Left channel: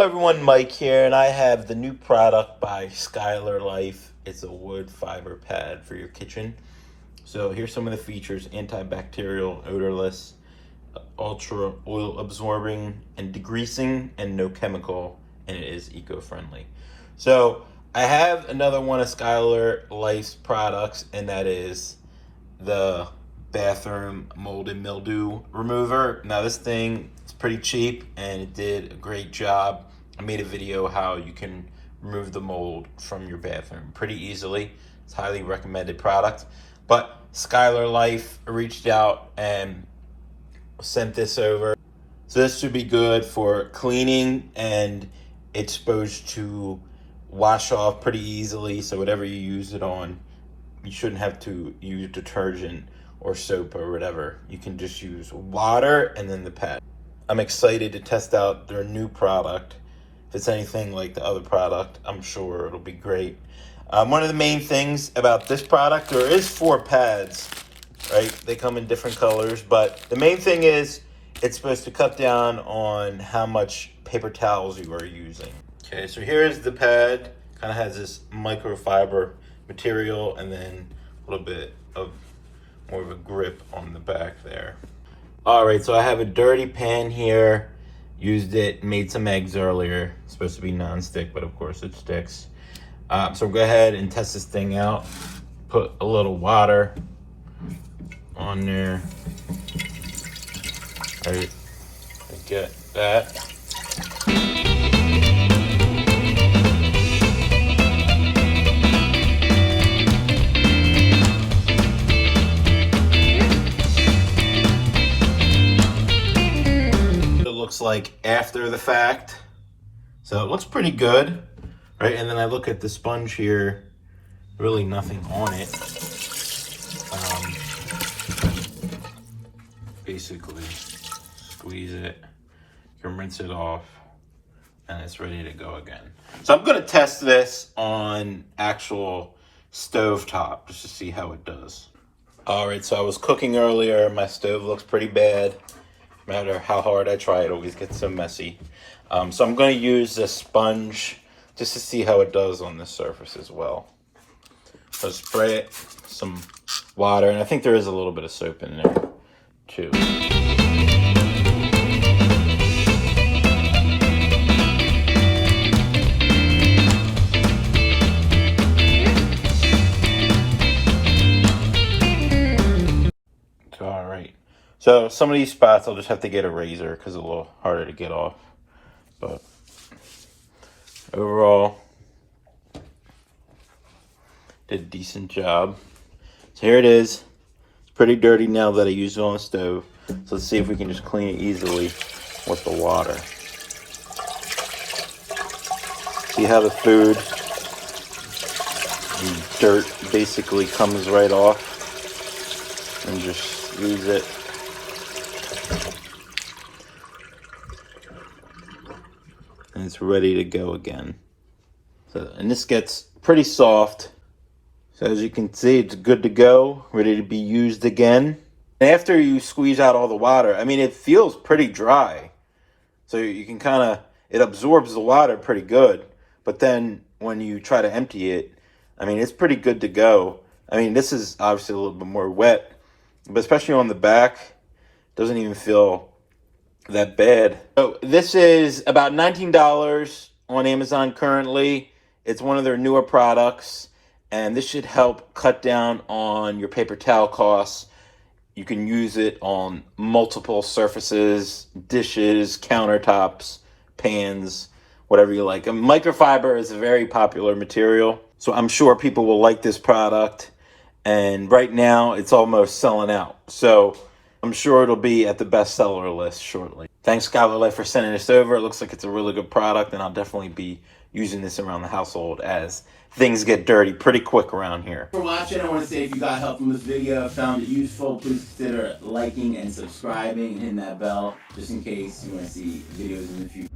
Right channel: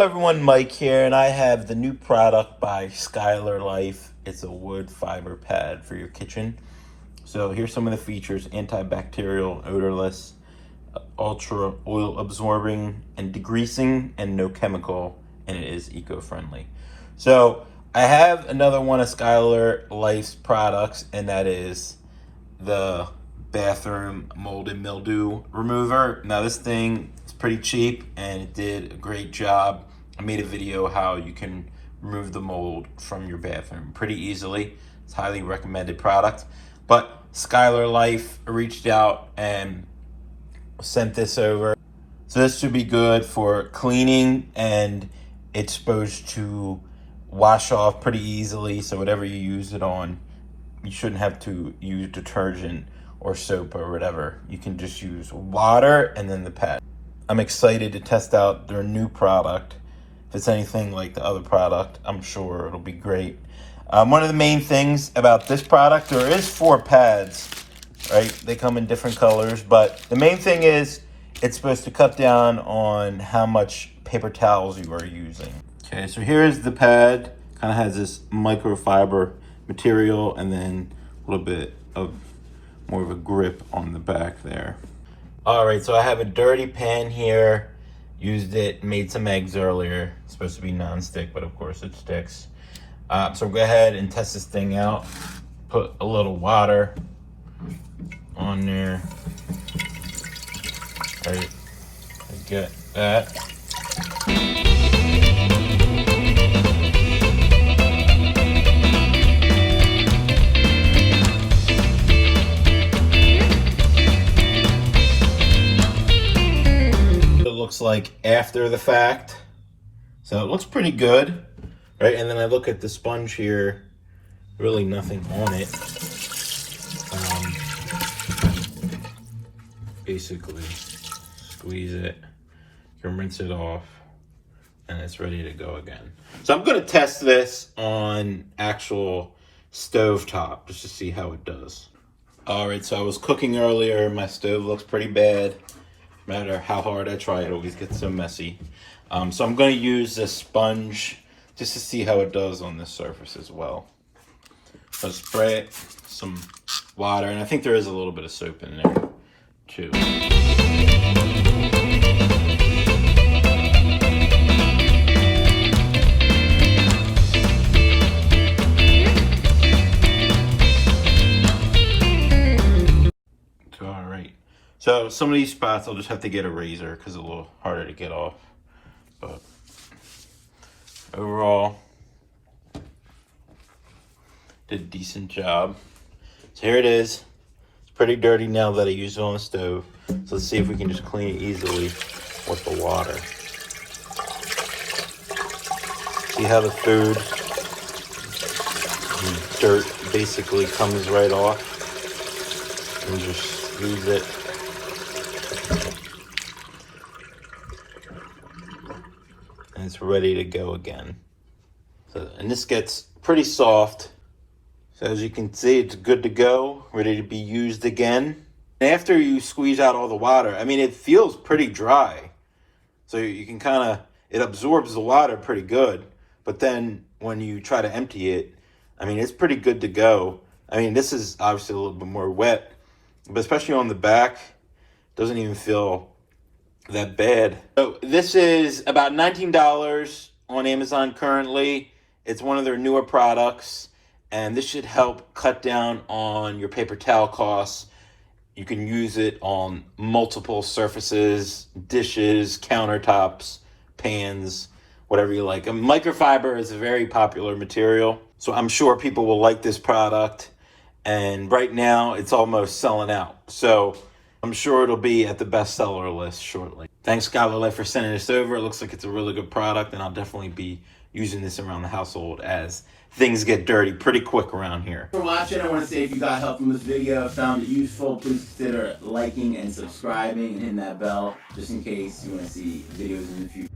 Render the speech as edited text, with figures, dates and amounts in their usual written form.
Hello everyone, Mike here, and I have the new product by Skylarlife. It's a wood fiber pad for your kitchen. So here's some of the features: antibacterial, odorless, ultra oil absorbing and degreasing, and no chemical, and it is eco-friendly. So I have another one of Skylarlife's products, and that is the bathroom mold and mildew remover. Now this thing is pretty cheap and it did a great job. I made a video how you can remove the mold from your bathroom pretty easily. It's a highly recommended product. But Skylarlife reached out and sent this over. So this should be good for cleaning, and it's supposed to wash off pretty easily. So whatever you use it on, you shouldn't have to use detergent or soap or whatever. You can just use water and then the pad. I'm excited to test out their new product. If it's anything like the other product, I'm sure it'll be great. One of the main things about this product, there is 4 pads, right? They come in different colors, but the main thing is it's supposed to cut down on how much paper towels you are using. Okay, so here is the pad. Kind of has this microfiber material and then a little bit of more of a grip on the back there. All right, so I have a dirty pan here. Used it, made some eggs earlier. It's supposed to be non-stick, but of course it sticks. So go ahead and test this thing out. Put a little water on there. Right, get that. Looks like after the fact, so it looks pretty good, right? And then I look at the sponge here, really nothing on it. Basically squeeze it, you can rinse it off, and it's ready to go again. So I'm going to test this on actual stove top just to see how it does. All right, so I was cooking earlier. My stove looks pretty bad. No matter how hard I try, it always gets so messy. So I'm going to use this sponge just to see how it does on this surface as well. So spray it, some water, and I think there is a little bit of soap in there too. All right. So some of these spots I'll just have to get a razor because it's a little harder to get off. But overall, did a decent job. So here it is. It's pretty dirty now that I used it on the stove. So let's see if we can just clean it easily with the water. See how the food, the dirt basically comes right off. And you just squeeze it. And it's ready to go again. So, and this gets pretty soft. So as you can see, it's good to go, ready to be used again. After you squeeze out all the water, I mean, it feels pretty dry. So you can kind of, it absorbs the water pretty good. But then when you try to empty it, I mean, it's pretty good to go. I mean, this is obviously a little bit more wet, but especially on the back, it doesn't even feel that bad. So this is about $19 on Amazon currently. It's one of their newer products, and this should help cut down on your paper towel costs. You can use it on multiple surfaces, dishes, countertops, pans, whatever you like. And microfiber is a very popular material, so I'm sure people will like this product. And right now it's almost selling out. So I'm sure it'll be at the bestseller list shortly. Thanks, Skylarlife, for sending this over. It looks like it's a really good product, and I'll definitely be using this around the household as things get dirty pretty quick around here. For watching, I want to say if you got help from this video, found it useful, please consider liking and subscribing and hitting that bell just in case you want to see videos in the future.